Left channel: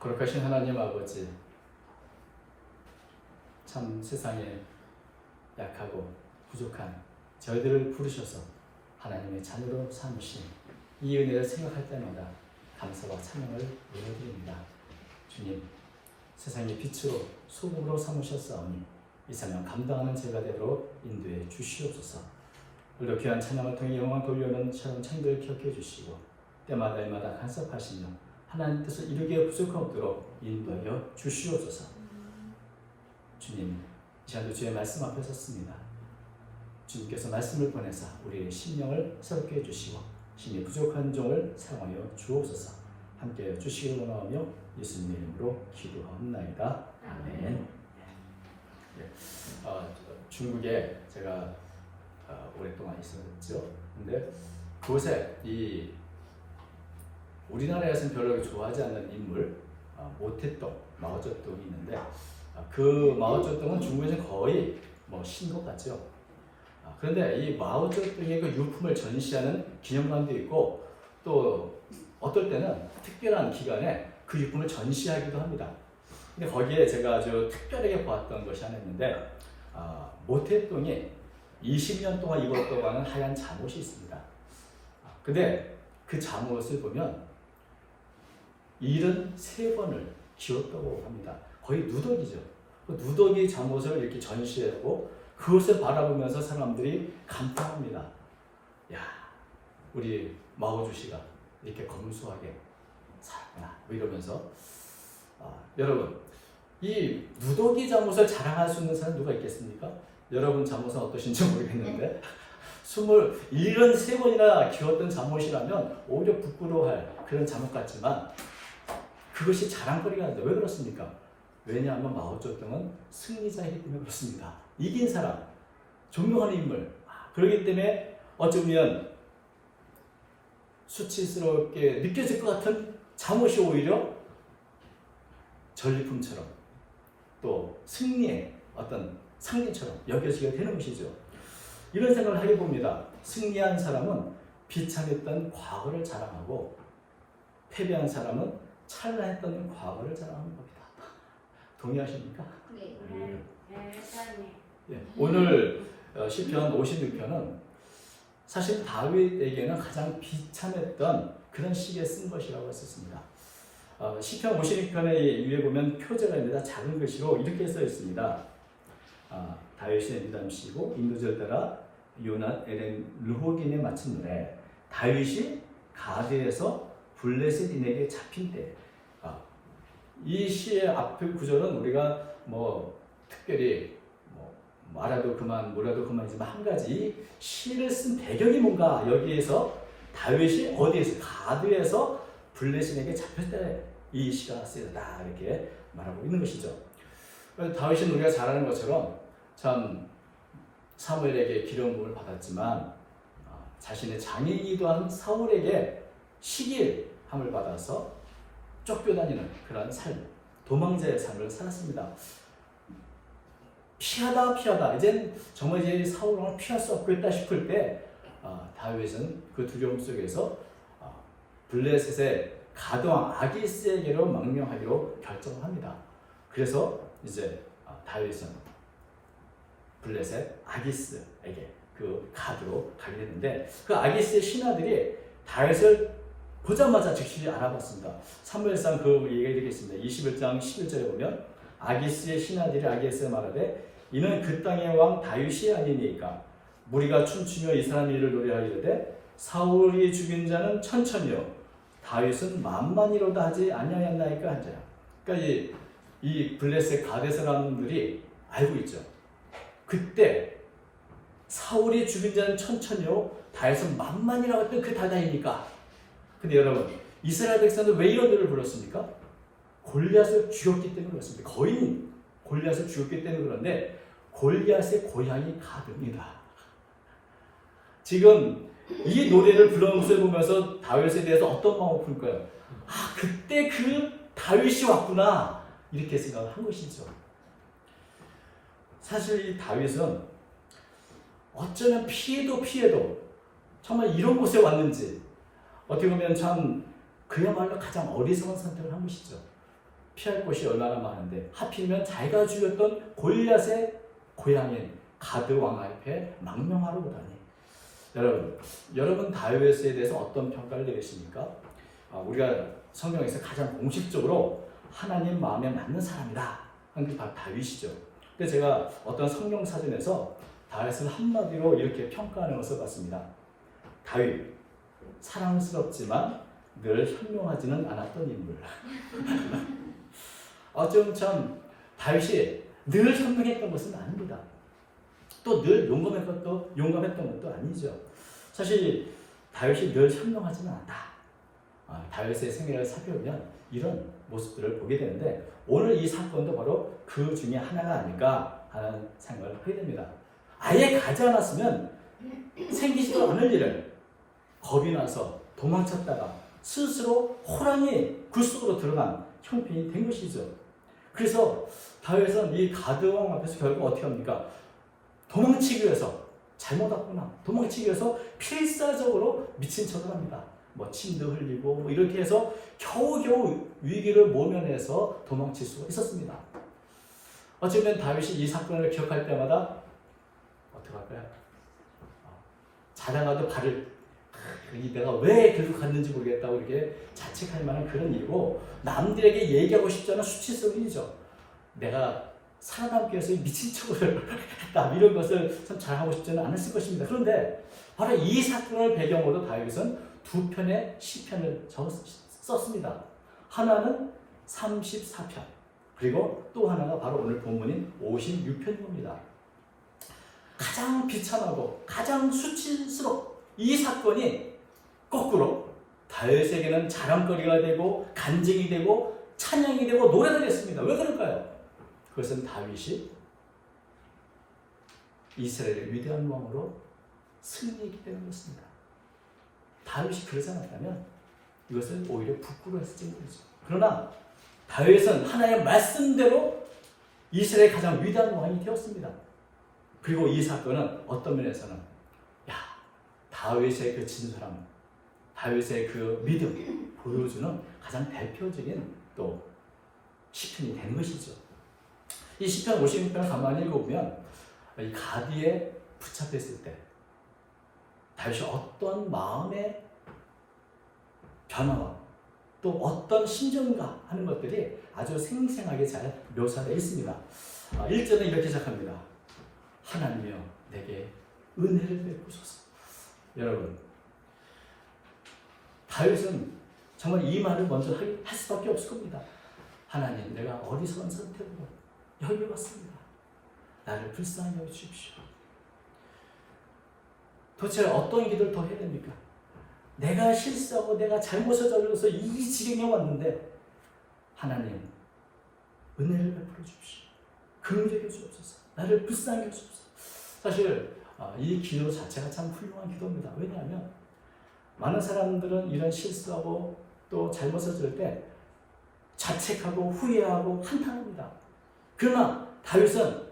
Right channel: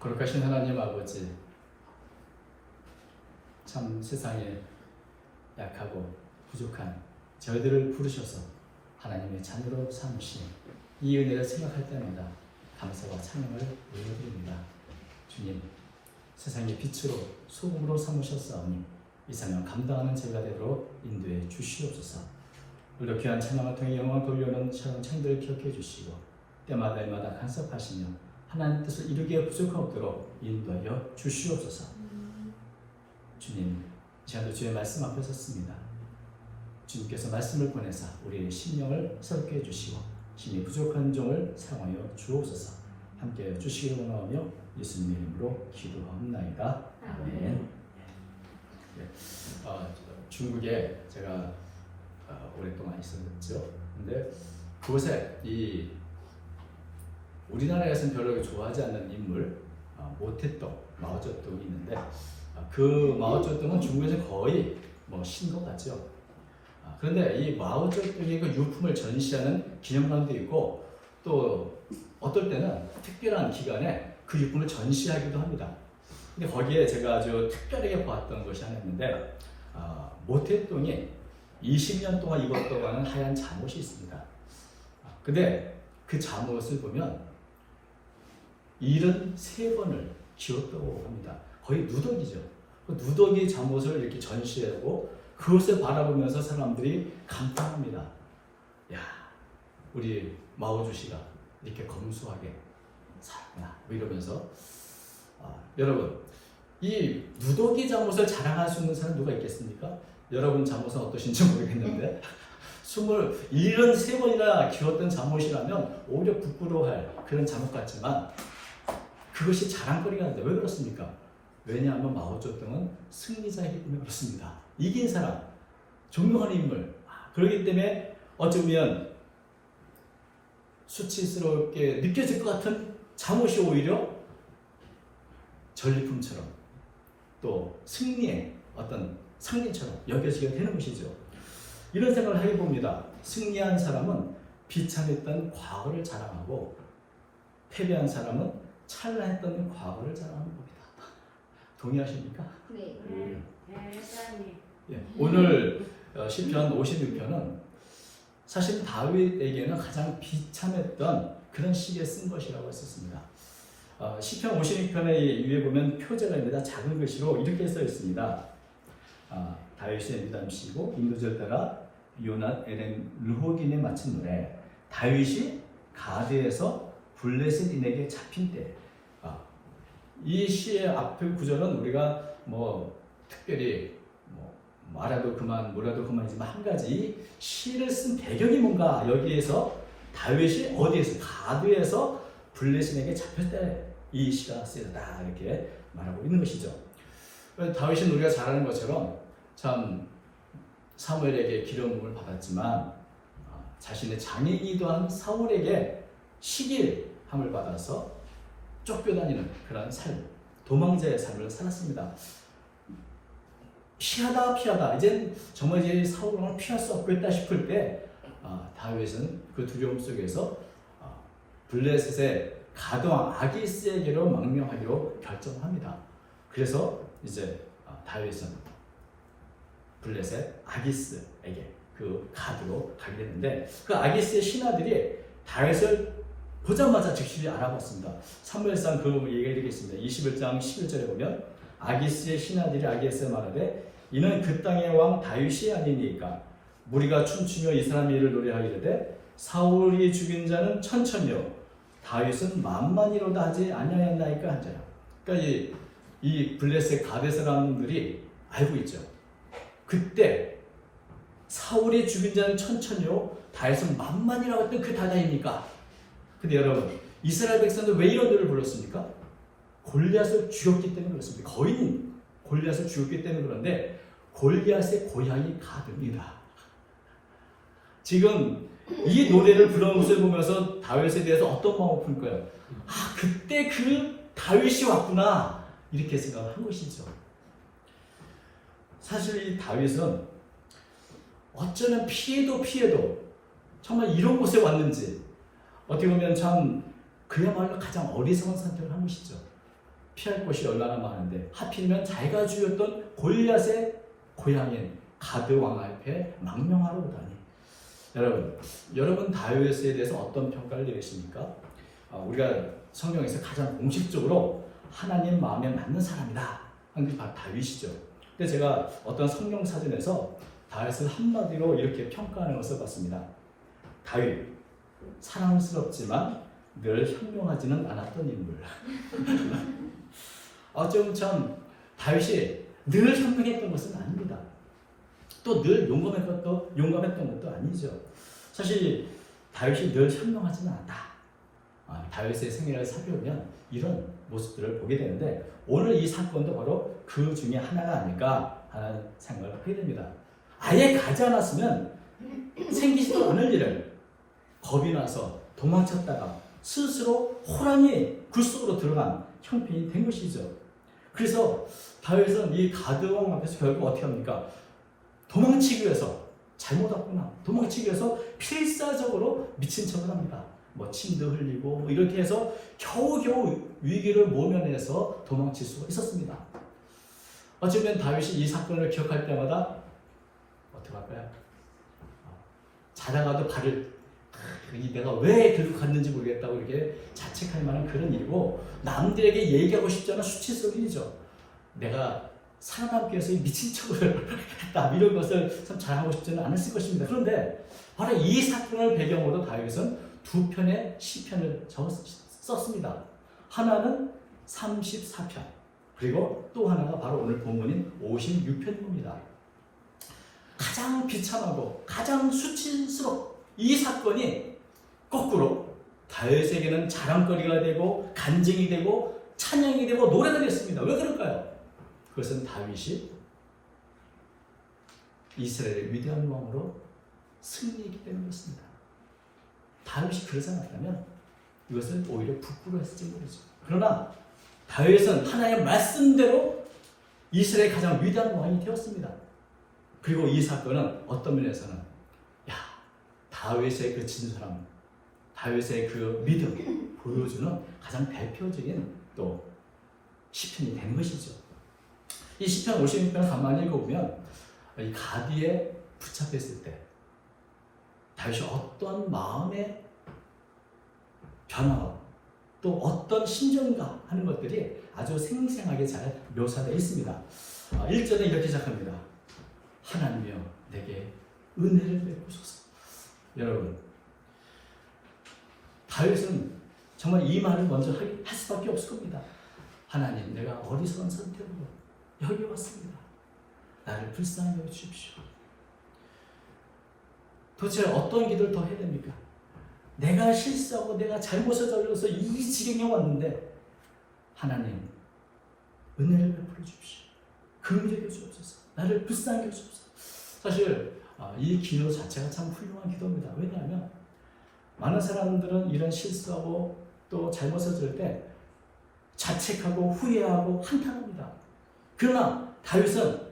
거룩하신 하나님 아버지, 참 세상에 약하고 부족한 저희들을 부르셔서 하나님의 자녀로 삼으신 이 은혜를 생각할 때마다 감사와 찬양을 올려드립니다. 주님, 세상의 빛으로 소금으로 삼으셨사오니 이 사명 감당하는 제가 되도록 인도해 주시옵소서. 우리가 귀한 찬양을 통해 영광을 돌려오는 찬양들 기억해 주시고 때마다 간섭하시며 하나님 뜻을 이루기에 부족함 없도록 인도하여 주시옵소서. 주님, 제가 주의 말씀 앞에 섰습니다. 주님께서 말씀을 보내사 우리의 심령을 새롭게 해주시고 심히 부족한 종을 사용하여 주옵소서. 함께 주시기를 원하며 예수님의 이름으로 기도하옵나이다. 아멘. 네. 중국에 제가 오랫동안 있었죠. 근데 그곳에 이 우리나라에서는 별로 좋아하지 않는 인물 모태똥, 마오쩌둥이 있는데 그 마오쩌둥은 중국에서 거의 신것 같죠. 그런데 이 마오쩌둥의 그 유품을 전시하는 기념관도 있고 또 어떨 때는 특별한 기간에 그 유품을 전시하기도 합니다. 근데 거기에 제가 아주 특별하게 보았던 것이 하나 있는데 모태똥이 20년 동안 입었다고 하는 하얀 잠옷이 있습니다. 근데 그 잠옷을 보면 73번을 기웠다고 합니다. 거의 누더기죠. 그 누더기 잠옷을 이렇게 전시하고 그것을 바라보면서 사람들이 감탄합니다. 야, 우리 마오주씨가 이렇게 검소하게 살았구나. 이러면서 여러분, 이 누더기 잠옷을 자랑할 수 있는 사람 누가 있겠습니까? 여러분 잠옷은 어떠신지 모르겠는데 73번이나 기웠던 잠옷이라면 오히려 부끄러워할 그런 잠옷 같지만 그것이 자랑거리가 아닌데 왜 그렇습니까? 왜냐하면 마오쩌둥은 승리자이기 때문에 그렇습니다. 이긴 사람, 존경하는 인물. 그렇기 때문에 어쩌면 수치스럽게 느껴질 것 같은 잠옷이 오히려 전리품처럼 또 승리의 어떤 상징처럼 여겨지게 되는 것이죠. 이런 생각을 하게 봅니다. 승리한 사람은 비참했던 과거를 자랑하고 패배한 사람은 찬란했던 과거를 자랑하는 겁니다. 동의하십니까? 네. 네. 오늘 시편 56편은 사실 다윗에게는 가장 비참했던 그런 시기에 쓴 것이라고 했었습니다. 시편 56편의 위에 보면 표제가 있는데 작은 글씨로 이렇게 써 있습니다. 다윗의 미담시고 인도절 따라 요낫 에렌 르호긴에 마친 노래. 다윗이 가드에서 블레셋인에게 잡힌 때. 이 시의 앞의 구절은 우리가 특별히 말아도 그만 뭐라도 그만이지만 한 가지 이 시를 쓴 배경이 뭔가 여기에서 다윗이 어디에서 가드에서 블레셋인에게 잡힐 때 이 시가 쓰였다 이렇게 말하고 있는 것이죠. 다윗은 우리가 잘 아는 것처럼 참 사무엘에게 기름 부음을 받았지만 자신의 장인이기도 한 사울에게 시기함을 받아서 쫓겨다니는 그런 삶, 도망자의 삶을 살았습니다. 피하다 이젠 정말 이제 사울 왕을 피할 수 없겠다 싶을 때 다윗은 그 두려움 속에서 블레셋의 가드왕 아기스에게로 망명하기로 결정합니다. 그래서 이제 다윗은 블레셋 아기스에게 그 가드로 가게 됐는데 그 아기스의 신하들이 다윗을 보자마자 즉시 알아봤습니다. 사무엘상 그 얘기가 이렇게 있습니다. 21장 11절에 보면 아기스의 신하들이 아기스에 말하되 이는 그 땅의 왕 다윗이 아니니까 무리가 춤추며 이 사람의 일을 노래하기를 사울이 죽인 자는 천천히요 다윗은 만만이로다 하지 아니하였나이까 한 자야. 그러니까 이 블레셋 가데 사람들이 알고 있죠. 그때 사울이 죽인 자는 천천히요 다윗은 만만이라고 했던 그 다다입니까? 근데 여러분 이스라엘 백성들 왜 이런 노래를 불렀습니까? 골리앗을 죽였기 때문에 그렇습니다. 거인 골리앗을 죽였기 때문에 그런데 골리앗의 고향이 가드입니다. 지금 이 노래를 부르는 모습을 보면서 다윗에 대해서 어떤 마음을 품을까요? 그때 그 다윗이 왔구나 이렇게 생각을 한 것이죠. 사실 이 다윗은 어쩌면 피해도 정말 이런 곳에 왔는지 어떻게 보면 참 그야말로 가장 어리석은 선택을 한 것이죠. 피할 곳이 얼마나 많은데 하필이면 자기가 죽였던 골리앗의 고향인 가드 왕 앞에 망명하러 오다니. 여러분 다윗에 대해서 어떤 평가를 내리십니까? 우리가 성경에서 가장 공식적으로 하나님 마음에 맞는 사람이다 하는 게 바로 다윗이죠. 근데 제가 어떤 성경 사전에서 다윗을 한마디로 이렇게 평가하는 것을 봤습니다. 다윗, 사랑스럽지만 늘 현명하지는 않았던 인물. 좀 참 다윗이 늘 현명했던 것은 아닙니다. 또 늘 용감했던 것도 아니죠. 사실 다윗이 늘 현명하지는 않다. 다윗의 생애를 살펴보면 이런 모습들을 보게 되는데 오늘 이 사건도 바로 그 중에 하나가 아닐까 하는 생각을 하게 됩니다. 아예 가지 않았으면 생기지도 않을 일을 겁이 나서 도망쳤다가 스스로 호랑이 굴 속으로 들어간 형편이 된 것이죠. 그래서 다윗은 이 가드왕 앞에서 결국 어떻게 합니까? 도망치기 위해서 잘못 왔구나. 도망치기 위해서 필사적으로 미친 척을 합니다. 침도 흘리고 이렇게 해서 겨우겨우 위기를 모면해서 도망칠 수가 있었습니다. 어쩌면 다윗이 이 사건을 기억할 때마다 어떻게 할까요? 자다가도 내가 왜 들고 갔는지 모르겠다고 이렇게 자책할 만한 그런 일이고 남들에게 얘기하고 싶지 않은 수치스러운 일이죠. 내가 살아남기 위해서 미친 척을 했다. 이런 것을 참 잘하고 싶지는 않았을 것입니다. 그런데 바로 이 사건을 배경으로 다윗은 두 편의 시편을 썼습니다. 하나는 34편 그리고 또 하나가 바로 오늘 본문인 56편입니다. 가장 비참하고 가장 수치스러운 이 사건이 거꾸로 다윗에게는 자랑거리가 되고 간증이 되고 찬양이 되고 노래가 됐습니다. 왜 그럴까요? 그것은 다윗이 이스라엘의 위대한 왕으로 승리했기 때문이었습니다. 다윗이 그러지 않았다면 이것을 오히려 부끄러워했을 것이죠. 그러나 다윗은 하나님의 말씀대로 이스라엘의 가장 위대한 왕이 되었습니다. 그리고 이 사건은 어떤 면에서는 다윗의 그 진솔함, 다윗의 그 믿음 보여주는 가장 대표적인 또 시편이 되는 것이죠. 이 시편 56편을 가만히 읽어보면 이 가디에 붙잡혔을 때 다윗이 어떤 마음의 변화와 또 어떤 심정인가 하는 것들이 아주 생생하게 잘 묘사되어 있습니다. 1절은 이렇게 시작합니다. 하나님이여 내게 은혜를 베푸소서. 여러분, 다윗은 정말 이 말을 먼저 할 수밖에 없을 겁니다. 하나님, 내가 어리석은 선택으로 여기 왔습니다. 나를 불쌍히 여겨주십시오. 도대체 어떤 기도를 더 해야 됩니까? 내가 실수하고 내가 잘못을 저질러서 이 지경에 왔는데 하나님, 은혜를 베풀어 주십시오. 긍휼히 여겨주옵소서. 나를 불쌍히 여겨주옵소서. 사실 이 기도 자체가 참 훌륭한 기도입니다. 왜냐하면 많은 사람들은 이런 실수하고 또 잘못을 저질 때 자책하고 후회하고 한탄합니다. 그러나 다윗은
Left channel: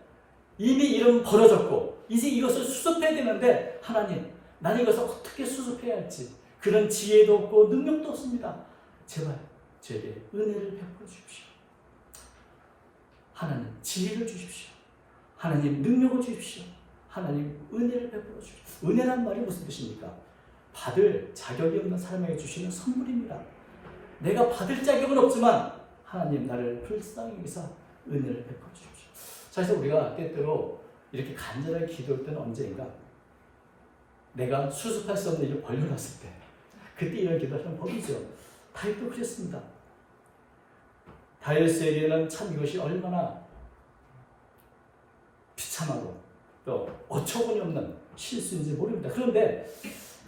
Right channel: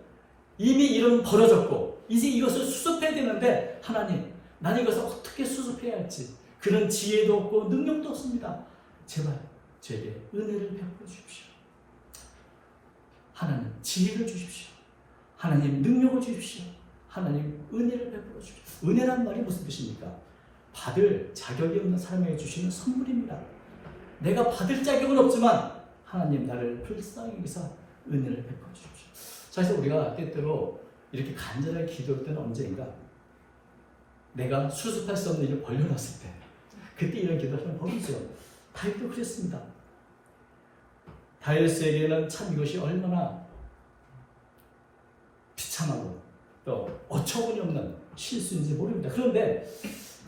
이미 이런 벌어졌고 이제 이것을 수습해야 되는데 하나님, 나는 이것을 어떻게 수습해야 할지 그런 지혜도 없고 능력도 없습니다. 제발 저에게 은혜를 베풀어 주십시오. 하나님, 지혜를 주십시오. 하나님, 능력을 주십시오. 하나님, 은혜를 베풀어 주십시오. 은혜란 말이 무슨 뜻입니까? 받을 자격이 없는 사람에게 주시는 선물입니다. 내가 받을 자격은 없지만 하나님, 나를 불쌍히 여기서 은혜를 베풀어 주십시오. 사실 우리가 때때로 이렇게 간절하게 기도할 때는 언제인가? 내가 수습할 수 없는 일을 벌려놨을 때 그때 이런 기도하는 법이죠. 다윗도 그랬습니다. 다윗에게는 참 이것이 얼마나 비참하고 또 어처구니 없는 실수인지 모릅니다. 그런데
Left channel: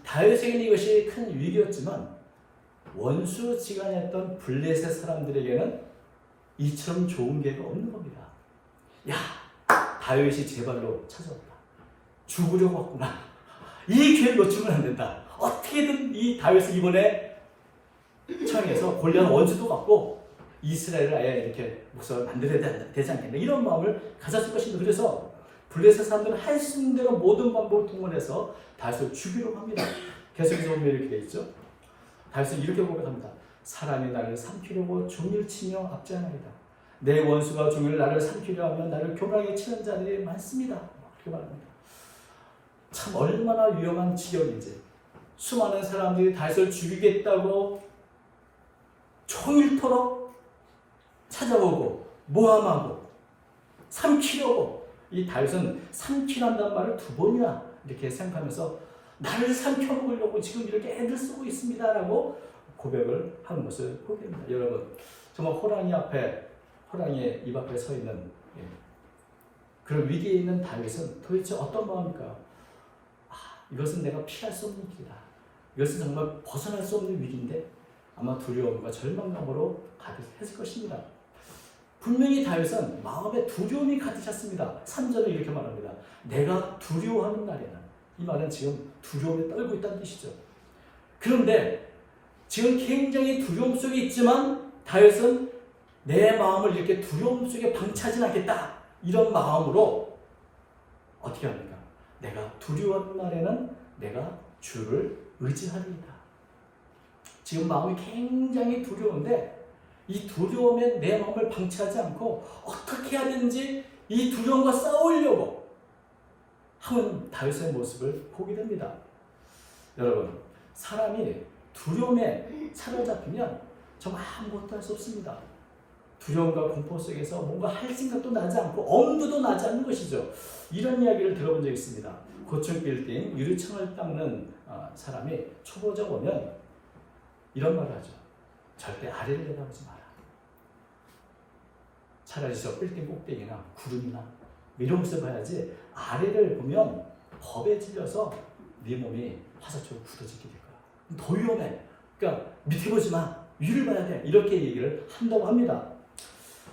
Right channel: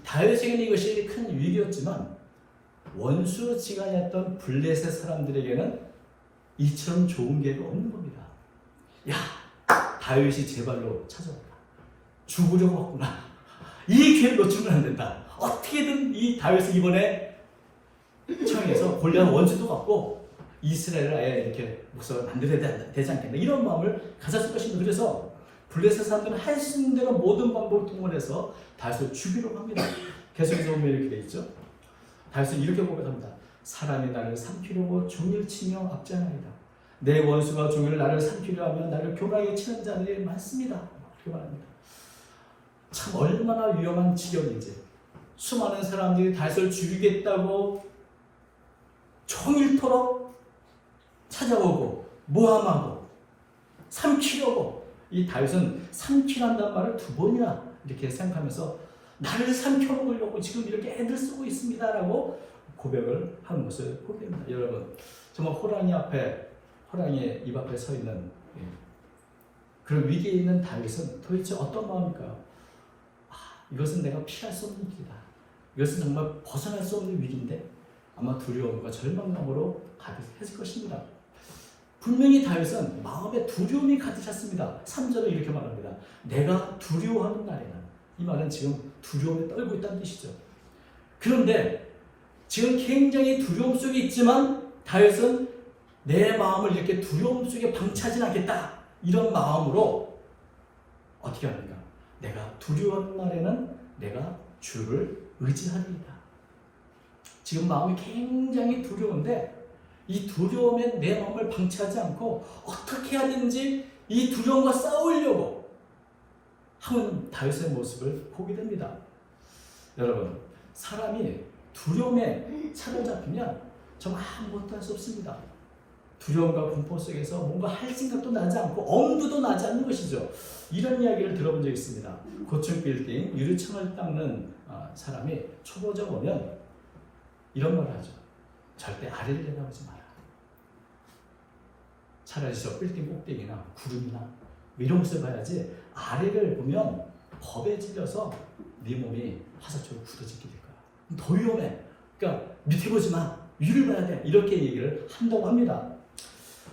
다윗에게는 이것이 큰 위기였지만 원수지간이었던 블레셋 사람들에게는 이처럼 좋은 기회가 없는 겁니다. 야, 다윗이 제 발로 찾아왔다. 죽으려고 왔구나. 이 기회를 놓치면 안 된다. 어떻게든 이 다윗을 이번에 청해서 골리앗 원수도 갖고 이스라엘을 아예 이렇게 목사를 만들어야 되지 않겠나 이런 마음을 가졌을 것입니다. 그래서 블레셋 사람들은 할 수 있는 대로 모든 방법을 동원해서 다윗을 죽이려고 합니다. 계속해서 보면 이렇게 되어 있죠. 다윗은 이렇게 고백합니다. 사람이 나를 삼키려고 종일 치며 압제하나이다. 내 원수가 종일 나를 삼키려 하면 나를 교라에 치는 자들이 많습니다. 이렇게 말합니다. 참 얼마나 위험한 지경인지. 수많은 사람들이 다윗을 죽이겠다고 종일토록 찾아오고 모함하고 삼키려고, 이 다윗은 삼키란다는 말을 2번이나 이렇게 생각하면서 나를 삼켜먹으려고 지금 이렇게 애들 쓰고 있습니다 라고 고백을 하는 것을 보게 됩니다. 여러분, 정말 호랑이 입 앞에 서 있는 그런 위기에 있는 다윗은 도대체 어떤 마음일까? 이것은 내가 피할 수 없는 위기다. 이것은 정말 벗어날 수 없는 위기인데 아마 두려움과 절망감으로 가득했을 것입니다. 분명히 다윗은 마음에 두려움이 가득 찼습니다. 3절을 이렇게 말합니다. 내가 두려워하는 날에는, 이 말은 지금 두려움에 떨고 있다는 뜻이죠. 그런데 지금 굉장히 두려움 속에 있지만 다윗은 내 마음을 이렇게 두려움 속에 방치하진 않겠다, 이런 마음으로 어떻게 합니까? 내가 두려워하는 날에는 내가 주를 의지하리이다. 지금 마음이 굉장히 두려운데 이 두려움에 내 마음을 방치하지 않고 어떻게 하든지 이 두려움과 싸우려고 하는 다윗의 모습을 보게 됩니다. 여러분, 사람이 두려움에 사로잡히면 정말 아무것도 할 수 없습니다. 두려움과 공포 속에서 뭔가 할 생각도 나지 않고 엄두도 나지 않는 것이죠. 이런 이야기를 들어본 적이 있습니다. 고층 빌딩 유리창을 닦는 사람이 초보자 오면 이런 말을 하죠. 절대 아래를 내다보지 마라. 차라리 저 빌딩 꼭대기나 구름이나 이런 것을 봐야지, 아래를 보면 겁에 질려서 네 몸이 화살처럼 굳어지게 될 거야. 더 위험해. 그러니까 밑에 보지 마. 위를 봐야 돼. 이렇게 얘기를 한다고 합니다.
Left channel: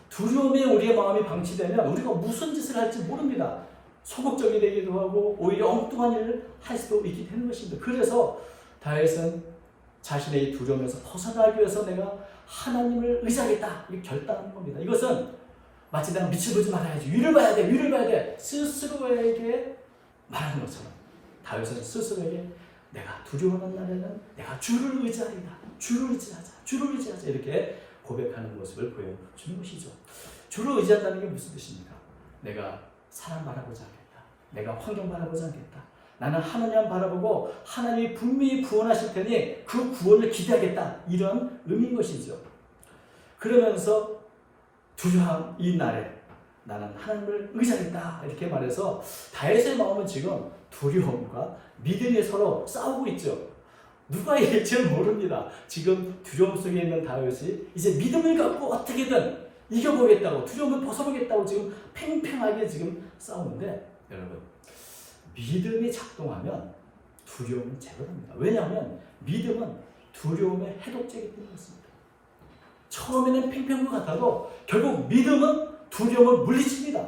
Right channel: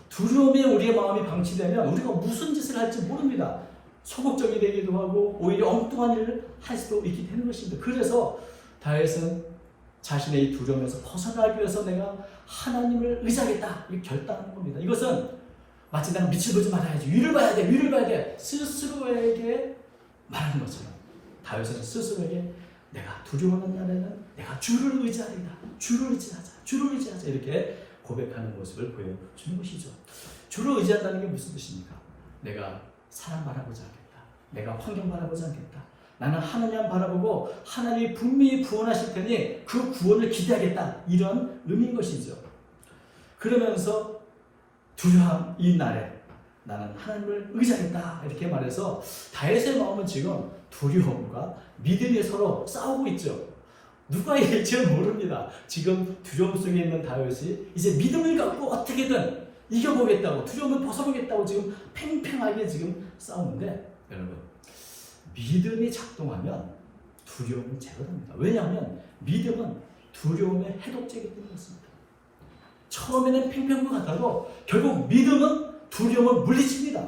두려움에 우리의 마음이 방치되면 우리가 무슨 짓을 할지 모릅니다. 소극적이 되기도 하고 오히려 엉뚱한 일을 할 수도 있게 되는 것입니다. 그래서 다윗은 자신의 이 두려움에서 벗어나기 위해서 내가 하나님을 의지하겠다, 이렇게 결단하는 겁니다. 이것은 마치 내가 밑을 보지 말아야지, 위를 봐야 돼, 위를 봐야 돼, 스스로에게 말하는 것처럼 다윗은 스스로에게 내가 두려워하는 날에는 내가 주를 의지하리라, 주를 의지하자, 주를 의지하자, 이렇게 고백하는 모습을 보여주는 것이죠. 주를 의지한다는 게 무슨 뜻입니까? 내가 사람 바라보지 않겠다, 내가 환경 바라보지 않겠다, 나는 하나님 바라보고 하나님이 분명히 구원하실 테니 그 구원을 기대하겠다, 이런 의미인 것이죠. 그러면서 두려움 이 날에 나는 하나님을 의지하겠다, 이렇게 말해서 다윗의 마음은 지금 두려움과 믿음이 서로 싸우고 있죠. 누가 이길지 모릅니다. 지금 두려움 속에 있는 다윗이 이제 믿음을 갖고 어떻게든 이겨보겠다고, 두려움을 벗어보겠다고 지금 팽팽하게 지금 싸우는데, 여러분, 믿음이 작동하면 두려움은 제거됩니다. 왜냐하면 믿음은 두려움의 해독제이기 때문에 그렇습니다. 처음에는 팽팽한 것 같아도 결국 믿음은 두려움을 물리칩니다.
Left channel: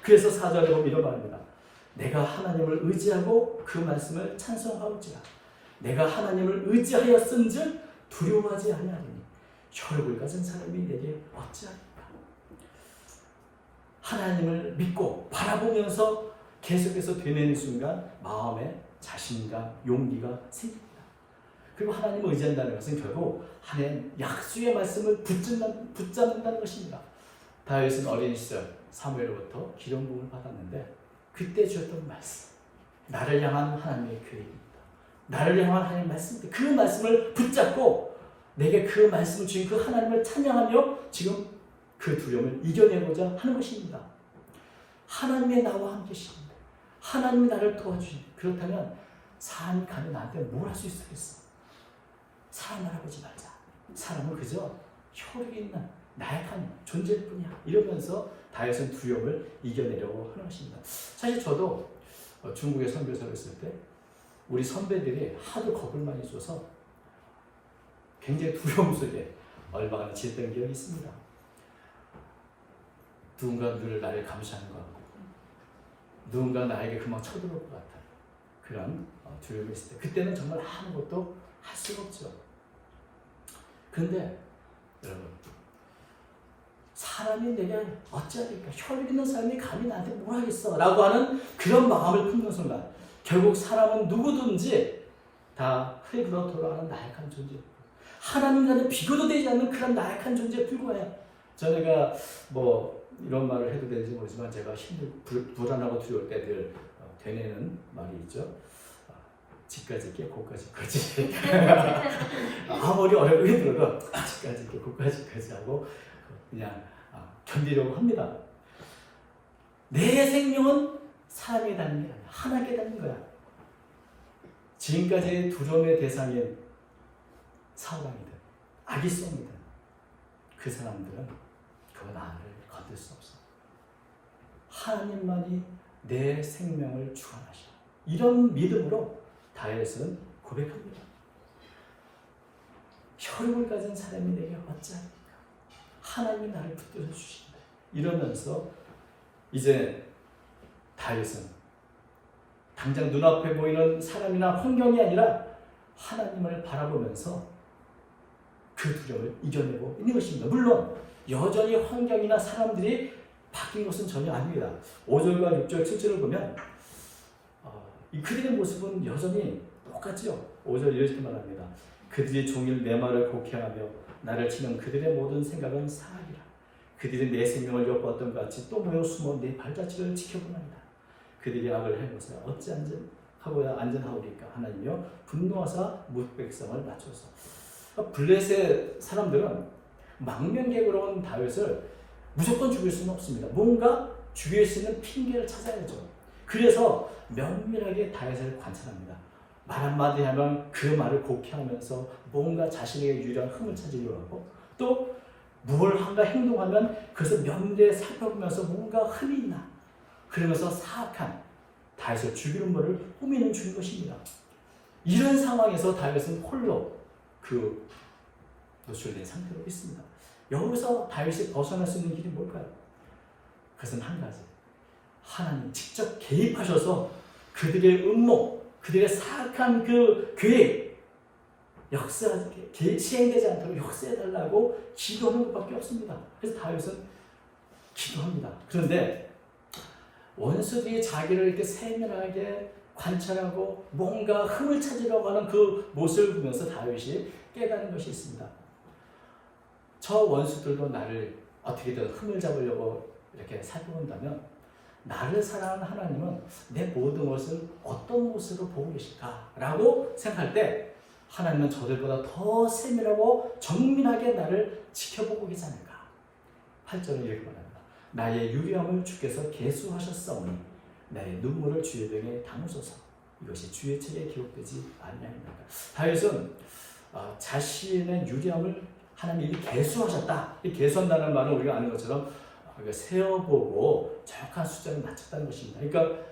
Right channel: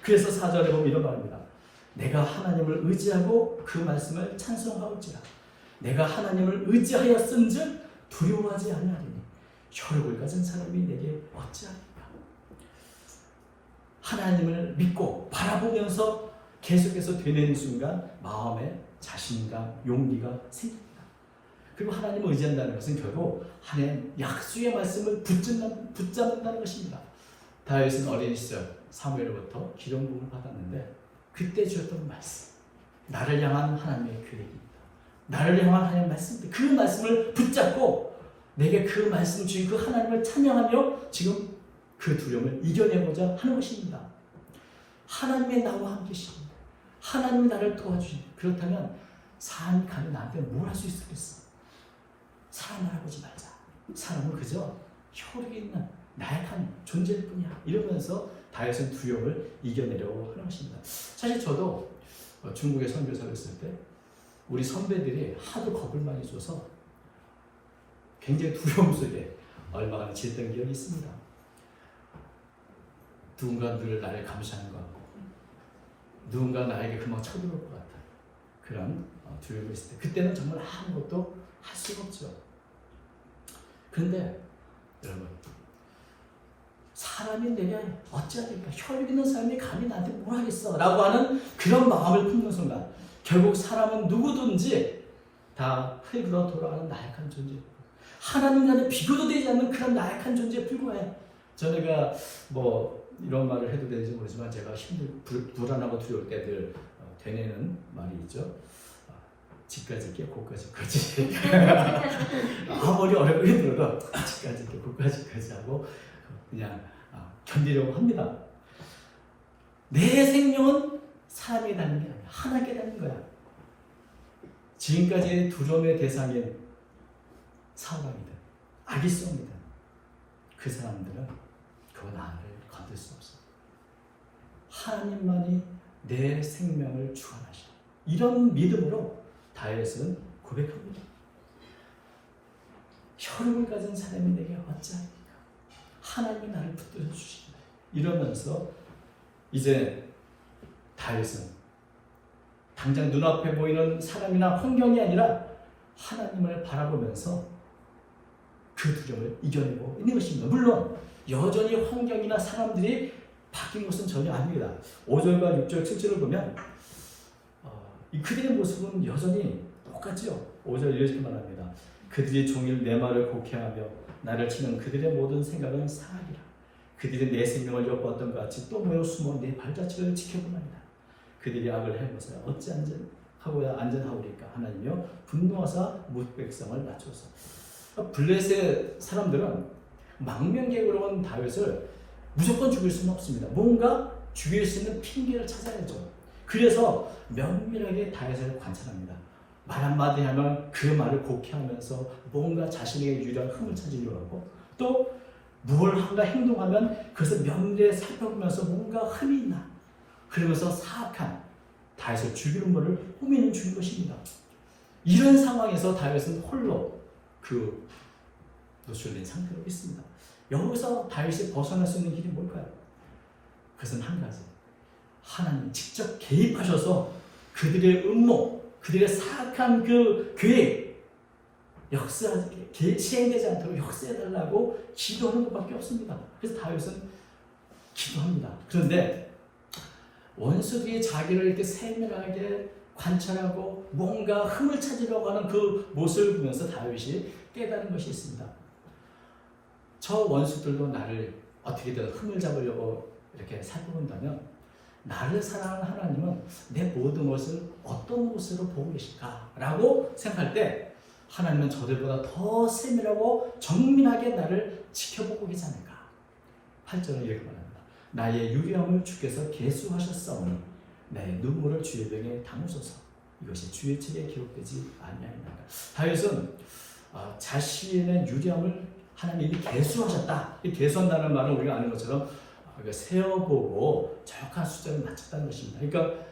그래서 4절에 보면 이런 말입니다. 내가 하나님을 의지하고 그 말씀을 찬송하올지라. 내가 하나님을 의지하였은즉 두려워하지 아니하리니 혈육을 가진 사람이 내게 어찌하리까. 하나님을 믿고 바라보면서 계속해서 되뇌는 순간 마음에 자신감, 용기가 생깁니다. 그리고 하나님을 의지한다는 것은 결국 하나님 약속의 말씀을 붙잡는다는 것입니다. 다윗은 어린 시절 사무엘로부터 기름 부음을 받았는데 그때 주었던 말씀, 나를 향한 하나님의 계획입니다. 나를 향한 하나님의 말씀입니다. 그 말씀을 붙잡고 내게 그 말씀을 주신 그 하나님을 찬양하며 지금 그 두려움을 이겨내고자 하는 것입니다. 하나님이 나와 함께 계십니다. 하나님이 나를 도와주십니다. 그렇다면 사람이 가면 나한테 뭘 할 수 있겠어? 사람 알아보지 말자. 사람은 그저 혈육이 있는 나약한 존재일 뿐이야. 이러면서 다윗은 두려움을 이겨내려고 하는 것입니다. 사실 저도 중국에 선교사를 했을 때 우리 선배들이 하도 겁을 많이 줘서 굉장히 두려움 속에 얼마나 지냈던 기억이 있습니다. 누군가 늘 나를 감시하는 것 같고 누군가 나에게 금방 쳐들어올 것 같은 그런 두려움이 있을 때 그때는 정말 아무것도 할 수가 없죠. 그런데 여러분, 사람이 내게 어찌하겠까, 혈육 있는 사람이 감히 나한테 뭘 하겠어 라고 하는 그런 마음을 품는 순간 결국 사람은 누구든지 다 흙으로 돌아가는 나약한 존재, 하나님과는 비교도 되지 않는 그런 나약한 존재에 불과해. 전에가 뭐 이런 말을 해도 되는지 모르지만 제가 불안하고 두려울 때 늘 되뇌는 말이 있죠. 집까지 있게 고까지까지. 아무리 어렵고 힘들어도 집까지 있게 고까지까지 하고 그냥 견디려고 합니다. 내 생명은 사람에게 닿는 게 아니야. 하나님께 닿는 거야. 지금까지 두려움의 대상인 사울왕이든 아기송이든 그 사람들은 그 나를 건들 수 없어. 하나님만이 내 생명을 주관하셔. 이런 믿음으로 다윗은 고백합니다. 혈육을 가진 사람이 내게 어찌하리까? 하나님이 나를 붙들어 주신다. 이러면서 이제 다윗은 당장 눈앞에 보이는 사람이나 환경이 아니라 하나님을 바라보면서 그 두려움을 이겨내고 있는 것입니다. 물론 여전히 환경이나 사람들이 바뀐 것은 전혀 아닙니다. 5절과 6절, 7절을 보면 그들의 모습은 여전히 똑같죠. 5절 이렇게 말합니다. 그들이 종일 내 말을 곡해하며 나를 치는 그들의 모든 생각은 사악이라. 그들이 내 생명을 엿보았던 것 같이 또 모여 숨어 내 발자취를 지켜보나이다. 그들이 악을 해보사 어찌 안전하오리까. 하나님이여 분노하사 무백성을 맞춰서. 블레셋 사람들은 망명객으로 온 다윗을 무조건 죽일 수는 없습니다. 뭔가 죽일 수 있는 핑계를 찾아야죠. 그래서 면밀하게 다윗을 관찰합니다. 말 한마디 하면 그 말을 곡해하면서 뭔가 자신에게 유리한 흠을 찾으려고 하고, 또 뭘 한가 행동하면 그것을 면밀히 살펴보면서 뭔가 흠이 있나, 그러면서 사악한 다윗을 죽이는 것을 꾸미는 중인 것입니다. 이런 상황에서 다윗은 홀로 그 노출된 상태로 있습니다. 여기서 다윗이 벗어날 수 있는 길이 뭘까요? 그것은 한 가지. 하나님 직접 개입하셔서 그들의 음모, 그들의 사악한 그 계획, 시행되지 않도록 역사해달라고 기도하는 것밖에 없습니다. 그래서 다윗은 기도합니다. 그런데 원수들이 자기를 이렇게 세밀하게 관찰하고 뭔가 흠을 찾으려고 하는 그 모습을 보면서 다윗이 깨달은 것이 있습니다. 저 원수들도 나를 어떻게든 흠을 잡으려고 이렇게 살펴본다면 나를 사랑하는 하나님은 내 모든 것을 어떤 모습으로 보고 계실까? 라고 생각할 때 하나님은 저들보다 더 세밀하고 정밀하게 나를 지켜보고 계시 않을까? 8절은 이렇게 말합니다. 나의 유리함을 주께서 계수하셨사오니 나의 눈물을 주의 병에 담으소서. 이것이 주의 책에 기록되지 아니하니까. 다윗은 자신의 유리함을 하나님이 계수하셨다. 이 계수한다는 말은 우리가 아는 것처럼 세어보고 정확한 숫자를 맞췄다는 것입니다. 그러니까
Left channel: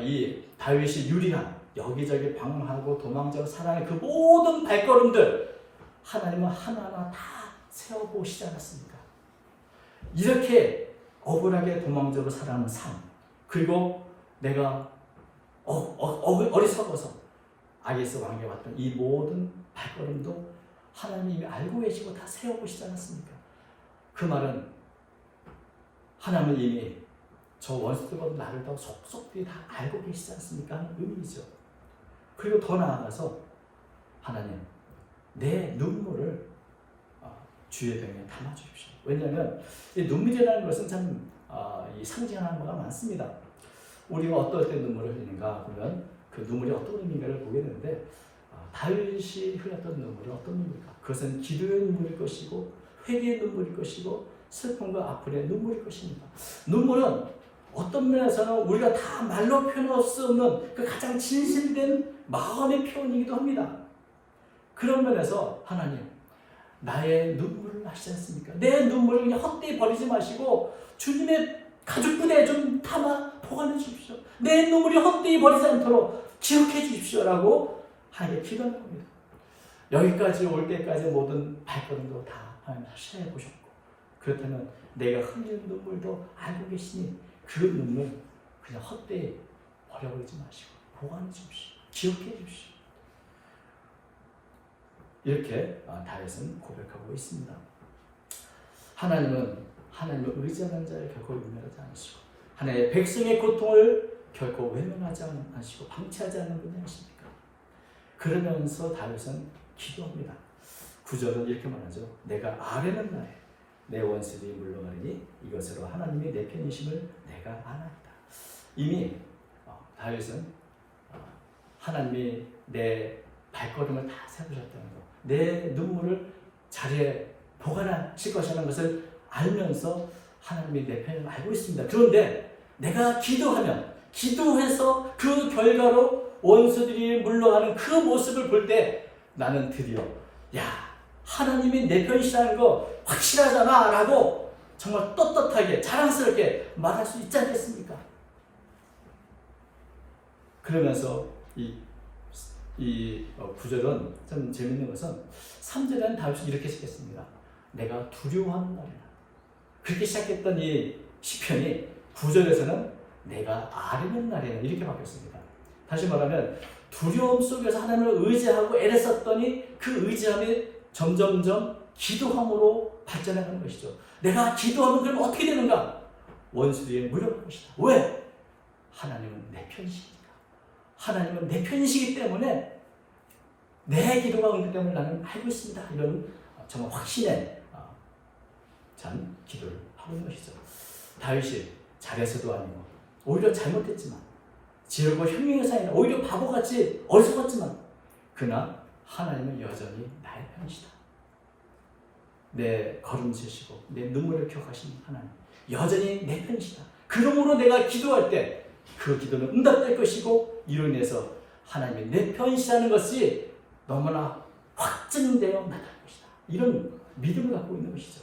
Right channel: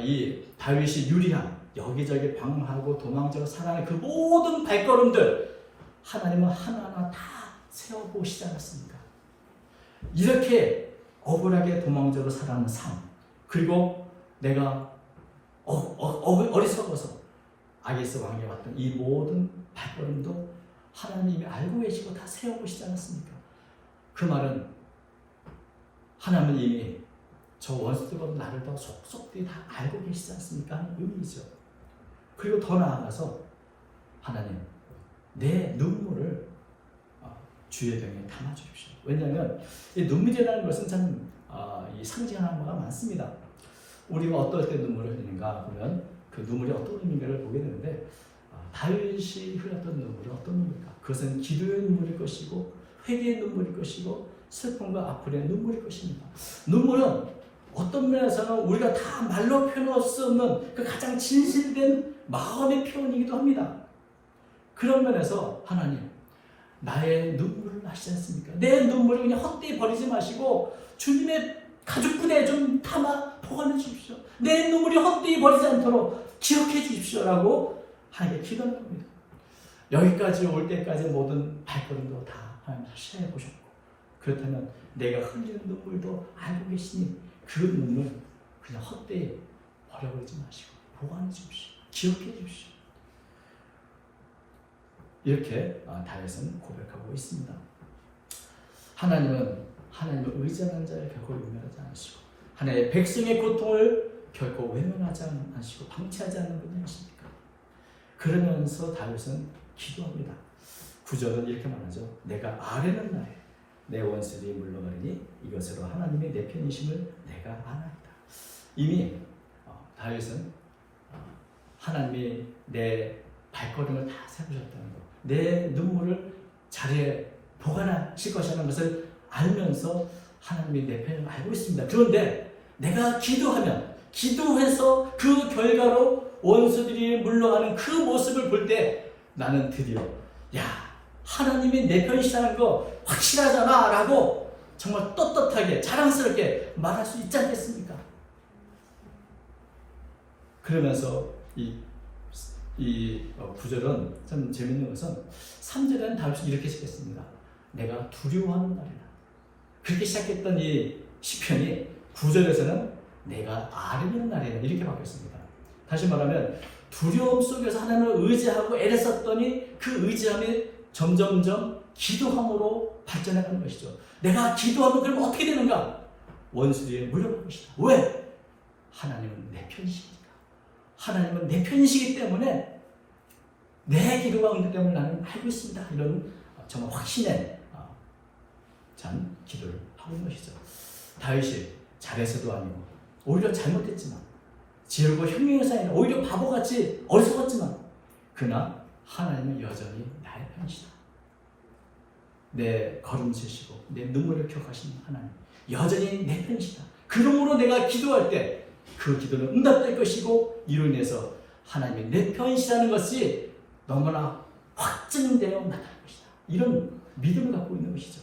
이 다윗이 유리함, 여기저기 방황하고 도망자고 살아가는 그 모든 발걸음들 하나님은 하나하나 다 세어보시지 않았습니까? 이렇게 억울하게 도망자로 살아가는 삶, 그리고 내가 어리석어서 아기스 왕에 왔던 이 모든 발걸음도 하나님이 알고 계시고 다 세워보시지 않았습니까? 그 말은 하나님은 이미 저 원수들보다 나를 더 속속들이 다 알고 계시지 않습니까? 하는 의미죠. 그리고 더 나아가서 하나님, 내 눈물을 주의 병에 담아주십시오. 왜냐하면 이 눈물이라는 것은 참 상징하는 바가 많습니다. 우리가 어떨 때 눈물을 흘리는가 보면 그 눈물이 어떤 의미인가를 보게 되는데 다윗이 흘렸던 눈물은 어떤 눈물일까? 그것은 기도의 눈물일 것이고 회개의 눈물일 것이고 슬픔과 아픔의 눈물일 것입니다. 눈물은 어떤 면에서는 우리가 다 말로 표현할 수 없는 그 가장 진실된 마음의 표현이기도 합니다. 그런 면에서 하나님, 나의 눈물을 아시지 않습니까? 내 눈물을 그냥 헛되이 버리지 마시고 주님의 가죽 부대에 좀 담아 보관해 주십시오. 내 눈물이 헛되이 버리지 않도록 기억해 주십시오라고 하나님께 기도하는 겁니다. 여기까지 올 때까지 모든 발걸음도 다 하나님 시험해 보셨고, 그렇다면 내가 흘리는 눈물도 알고 계시니 그 눈물 그냥 헛되이 버려버리지 마시고 보관해 주십시오. 기억해 주십시오. 이렇게 다윗은 고백하고 있습니다. 하나님을 의지하는 자를 결코 유명하지 않으시고 하나님의 백성의 고통을 결코 외면하지 않으시고 방치하지 않는 분이 아십니까? 그러면서 다윗은 기도합니다. 9절은 이렇게 말하죠. 내가 아뢰는 날에 내 원수들이 물러가리니 이것으로 하나님이 내 편이심을 내가 아나이다. 이미 다윗은 하나님이 내 발걸음을 다 세우셨다는 것, 내 눈물을 자리에 보관하실 것이라는 것을 알면서 하나님이 내 편을 알고 있습니다. 그런데 내가 기도해서 그 결과로 원수들이 물러가는 그 모습을 볼 때 나는 드디어 하나님이 내 편이시라는 거 확실하잖아 라고 정말 떳떳하게 자랑스럽게 말할 수 있지 않겠습니까? 그러면서 이 구절은 좀 재밌는 것은 3절에는 다윗이 이렇게 시작했습니다. 내가 두려워하는 날이다. 그렇게 시작했던 이 시편이 9절에서는 내가 아뢰는 날이다 이렇게 바뀌었습니다. 다시 말하면 두려움 속에서 하나님을 의지하고 애를 썼더니 그 의지함이 점점점 기도함으로 발전해가는 것이죠. 내가 기도하면 그럼 어떻게 되는가? 원수들이 물러갈 것이다. 왜? 하나님은 내 편이시니까. 하나님은 내 편이시기 때문에 내 기도가 응답 때문에 나는 알고 있습니다. 이런 정말 확신에 찬 기도를 하고 있는 것이죠. 다윗이 잘해서도 아니고 오히려 잘못했지만 지혜롭고 흉흉해서 아니라 오히려 바보같이 어리석었지만 그러나 하나님은 여전히 나의 편이시다. 내 걸음치시고 내 눈물을 기억하시는 하나님 여전히 내 편이시다. 그러므로 내가 기도할 때 그 기도는 응답될 것이고 이로 인해서 하나님이 내 편이시라는 것이 너무나 확증되어 나타날 것이다. 이런 믿음을 갖고 있는 것이죠.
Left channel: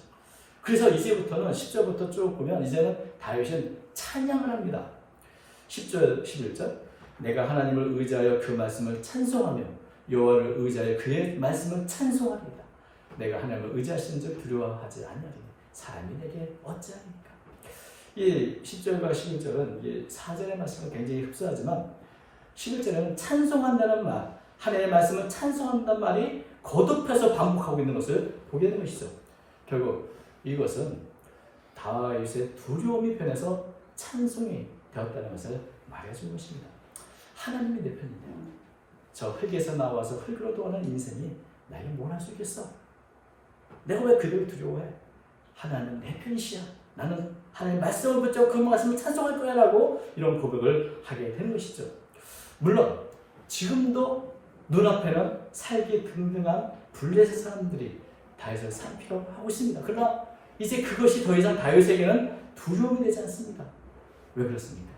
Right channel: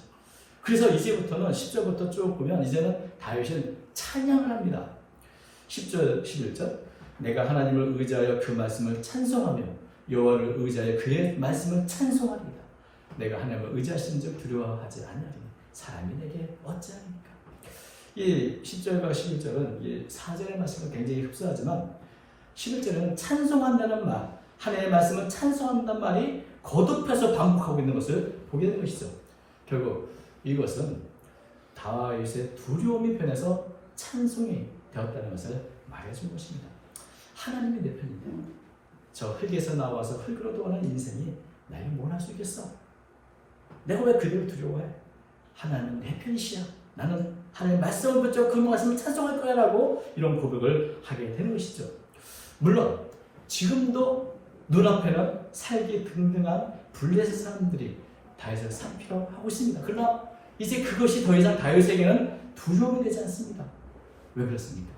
그래서 이제부터는 10절부터 쭉 보면 이제는 다윗은 찬양을 합니다. 10절, 11절 내가 하나님을 의지하여 그 말씀을 찬송하며 여호와를 의지하여 그의 말씀을 찬송합니다. 내가 하나님을 의지하시는 즉 두려워하지 않으리니 사람이 내게 어찌하니까. 이 10절과 11절은 4절의 말씀과 굉장히 흡사하지만 11절에는 찬송한다는 말, 하나님의 말씀을 찬송한다는 말이 거듭해서 반복하고 있는 것을 보게 되는 것이죠. 결국 이것은 다윗의 두려움이 변해서 찬송이 되었다는 것을 말해준 것입니다. 하나님이 내 편인데 저 흙에서 나와서 흙으로 돌아가는 인생이 나를 뭘 할 수 있겠어? 내가 왜 그대로 두려워해? 하나님은 내 편이시야. 나는 하나님의 말씀을 붙잡고 그 말씀을 찬송할 거야 라고 이런 고백을 하게 되는 것이죠. 물론 지금도 눈앞에는 살기 등등한 블레셋 사람들이 다윗을 살피려 하고 있습니다. 그러나 이제 그것이 더 이상 다윗에게는 두려움이 되지 않습니다. 왜 그렇습니까?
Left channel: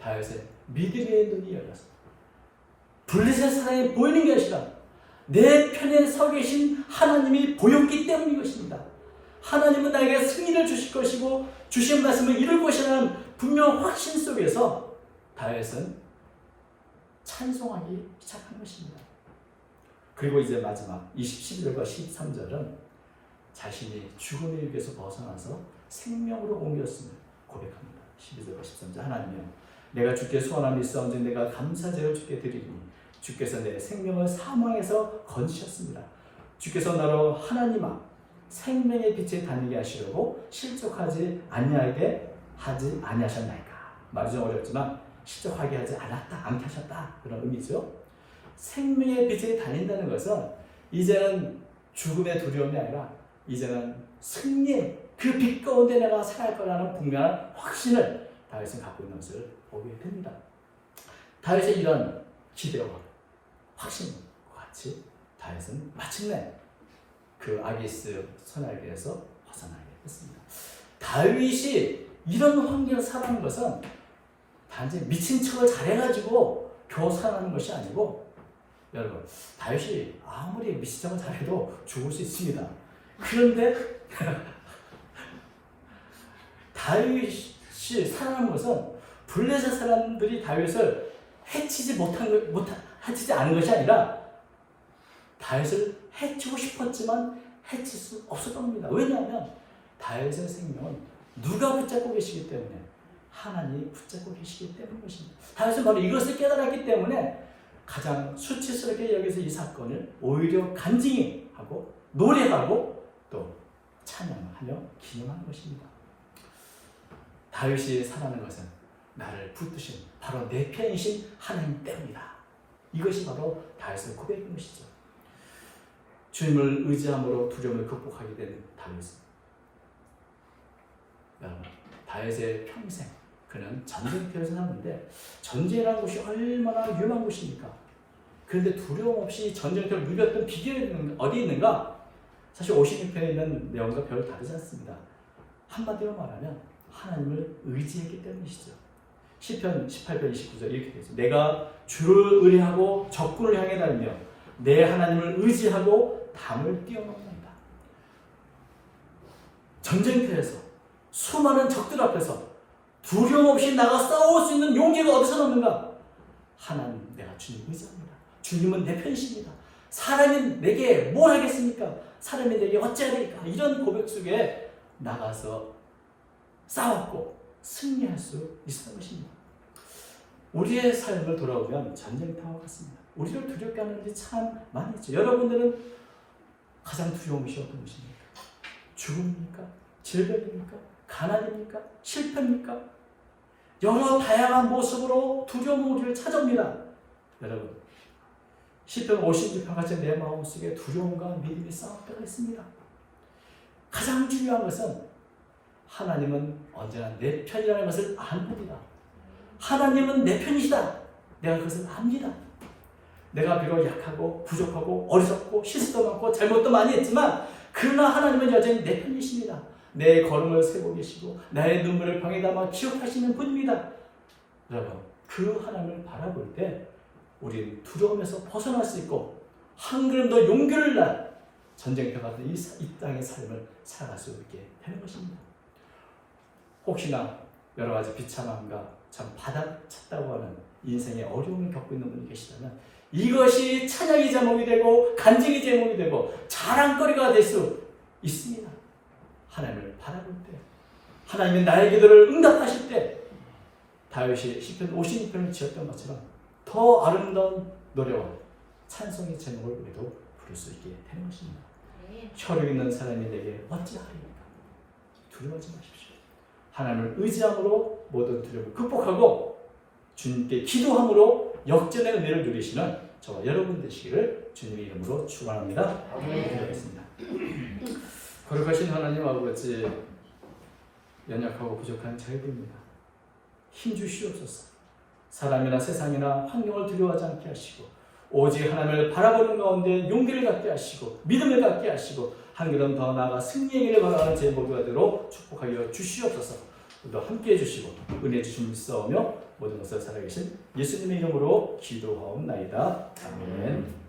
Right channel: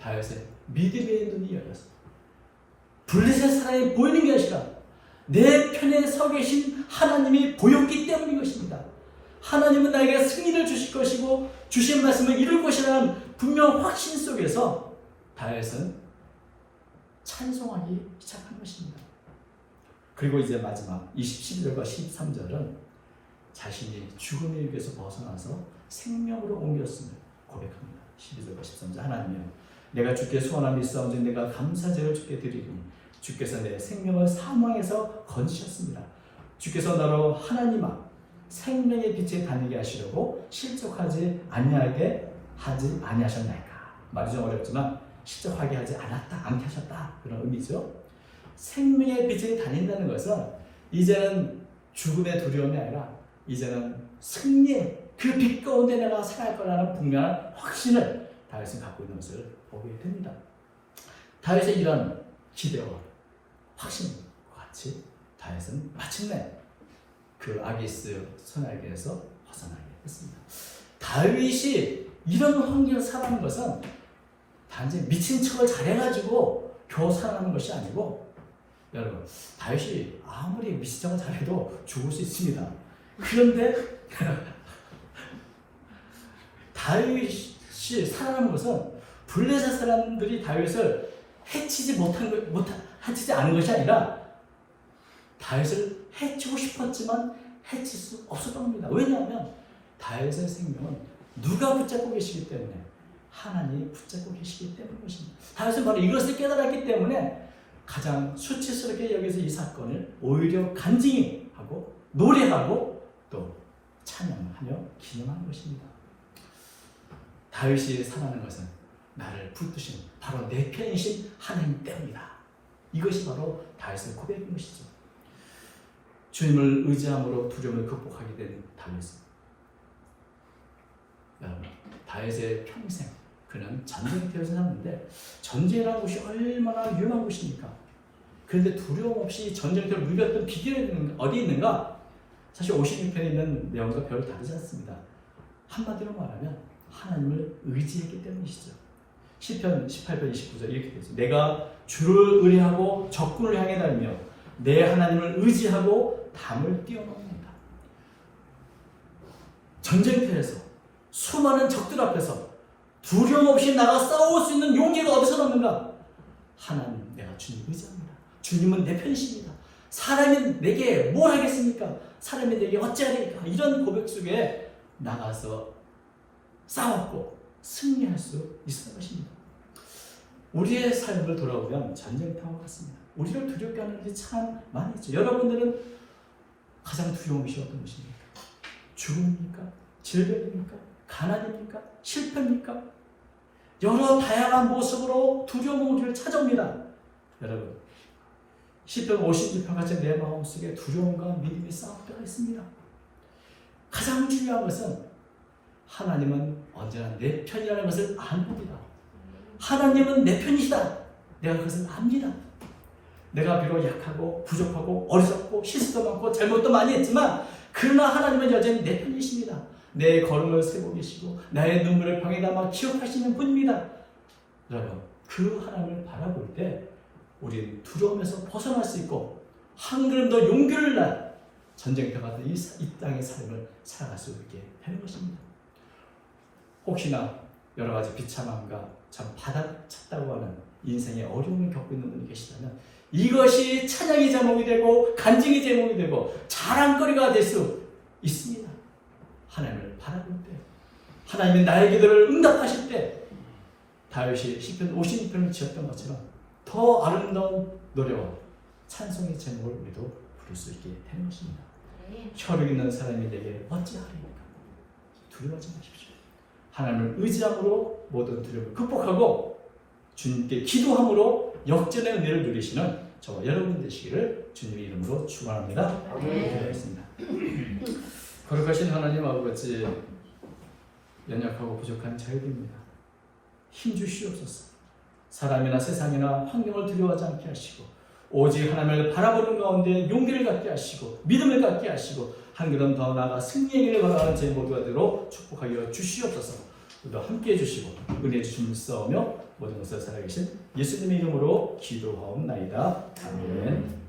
다윗의 믿음의 눈이 열렸습니다. 블레셋 사람이 보이는 게 아니라 내 편에 서 계신 하나님이 보였기 때문인 것입니다. 하나님은 나에게 승리를 주실 것이고 주신 말씀을 이룰 것이라는 분명한 확신 속에서 다윗은 찬송하기 시작한 것입니다. 그리고 이제 마지막 12절과 13절은 자신이 죽음의 위에서 벗어나서 생명으로 옮겼음을 고백합니다. 12절과 13절 하나님이여 내가 주께 소원함이 있사온즉 내가 감사제를 주께 드리리니 주께서 내 생명을 사망에서 건지셨습니다. 주께서 너로 하나님아 생명의 빛에 다니게 하시려고 실족하지 아니하게 하지 아니하셨나이까. 말이 좀 어렵지만 실족하게 하지 않게 하셨다 그런 의미죠. 생명의 빛에 다닌다는 것은 이제는 죽음의 두려움이 아니라 이제는 승리의 그 빛 가운데 내가 살아갈 거라는 분명한 확신을 다윗은 갖고 있는 것을 보게 됩니다. 다윗의 이런 기대와 확신과 같이 다윗은 마침내 그 아기스 선악에서 벗어나게 했습니다. 다윗이 이런 환경을 살아가는 것은 단지 미친 척을 잘해가지고 겨우 살아가는 것이 아니고 여러분 다윗이 아무리 미친 척을 잘해도 죽을 수 있습니다. 그런데 다윗이 살아가는 것은 블레셋 사람들이 다윗을 해치지 않은 것이 아니라 다윗을 해치고 싶었지만 해칠 수 없었던 겁니다. 왜냐하면 다윗의 생명은 누가 붙잡고 계시기 때문에 하나님이 붙잡고 계시기 때문인 것입니다. 다윗은 바로 이것을 깨달았기 때문에 가장 수치스럽게 여기서 이 사건을 오히려 간증히 하고 노래하고 또 찬양하며 기념하는 것입니다. 다윗이 살아가는 것은 나를 붙드신 바로 내 편이신 하나님 때문이다. 이것이 바로 다윗의 고백인 것이죠. 주님을 의지함으로 두려움을 극복하게 된 다윗은 다윗의 평생 그는 전쟁터에서 살았는데 전쟁이라는 곳이 얼마나 위험한 곳입니까? 그런데 두려움 없이 전쟁터를 누볐던 비결이 어디 있는가? 사실 56편에 있는 내용과 별로 다르지 않습니다. 한마디로 말하면 하나님을 의지했기 때문이시죠. 시편 18편 29절 이렇게 되어 있습니다. 내가 주를 의뢰하고 적군을 향해 달며 내 하나님을 의지하고 담을 뛰어넘는다. 전쟁터에서 수많은 적들 앞에서 두려움 없이 나가 싸울 수 있는 용기가 어디서 나오는가? 하나님, 내가 주님 의지합니다. 주님은 내 편이십니다. 사람이 내게 뭘 하겠습니까? 사람이 내게 어찌하리까? 이런 고백 속에 나가서 싸웠고 승리할 수 있었던 것입니다. 우리의 삶을 돌아보면 전쟁터와 같습니다. 우리를 두렵게 하는 일이 참 많이 있죠. 여러분들은 가장 두려운 것이 어떤 것입니까? 죽음입니까? 질병입니까? 가난입니까? 실패입니까? 여러 다양한 모습으로 두려움은 우리를 찾아옵니다. 여러분, 시편 56편 같이 내 마음속에 두려움과 믿음이 싸울 때가 있습니다. 가장 중요한 것은 하나님은 언제나 내 편이라는 것을 압니다. 하나님은 내 편이시다. 내가 그것을 압니다. 내가 비록 약하고 부족하고 어리석고 실수도 많고 잘못도 많이 했지만 그러나 하나님은 여전히 내 편이십니다. 내 걸음을 세고 계시고 나의 눈물을 방에 담아 기억하시는 분입니다. 여러분, 그 하나님을 바라볼 때 우리는 두려움에서 벗어날 수 있고 한 걸음 더 용기를 내 전쟁터 같은 이 땅의 삶을 살아갈 수 있게 되는 것입니다. 혹시나 여러 가지 비참함과 참 바닥쳤다고 하는 인생의 어려움을 겪고 있는 분이 계시다면 이것이 찬양의 제목이 되고 간증의 제목이 되고 자랑거리가 될 수 있습니다. 하나님을 바라볼 때, 하나님이 나의 기도를 응답하실 때 다윗이 시편 56편을 지었던 것처럼 더 아름다운 노래와 찬송의 제목을 우리도 부를 수 있게 되는 것입니다. 혈육 있는 사람이 내게 어찌하리까? 두려워하지 마십시오. 하나님을 의지함으로 모든 두려움을 극복하고 주님께 기도함으로 역전의 은혜를 누리시는 저와 여러분 되시기를 주님의 이름으로 축원합니다. 기도하겠습니다. 거룩하신 하나님 아버지, 연약하고 부족한 저희들입니다. 힘 주시옵소서. 사람이나 세상이나 환경을 두려워하지 않게 하시고 오직 하나님을 바라보는 가운데 용기를 갖게 하시고 믿음을 갖게 하시고 한 걸음 더 나아가 승리의 길을 걸어가는 제 모두가 되도록 축복하여 주시옵소서. 우리도 함께해 주시고 은혜 주심을 써오며 모든 것을 살아계신 예수님의 이름으로 기도하옵나이다. 아멘.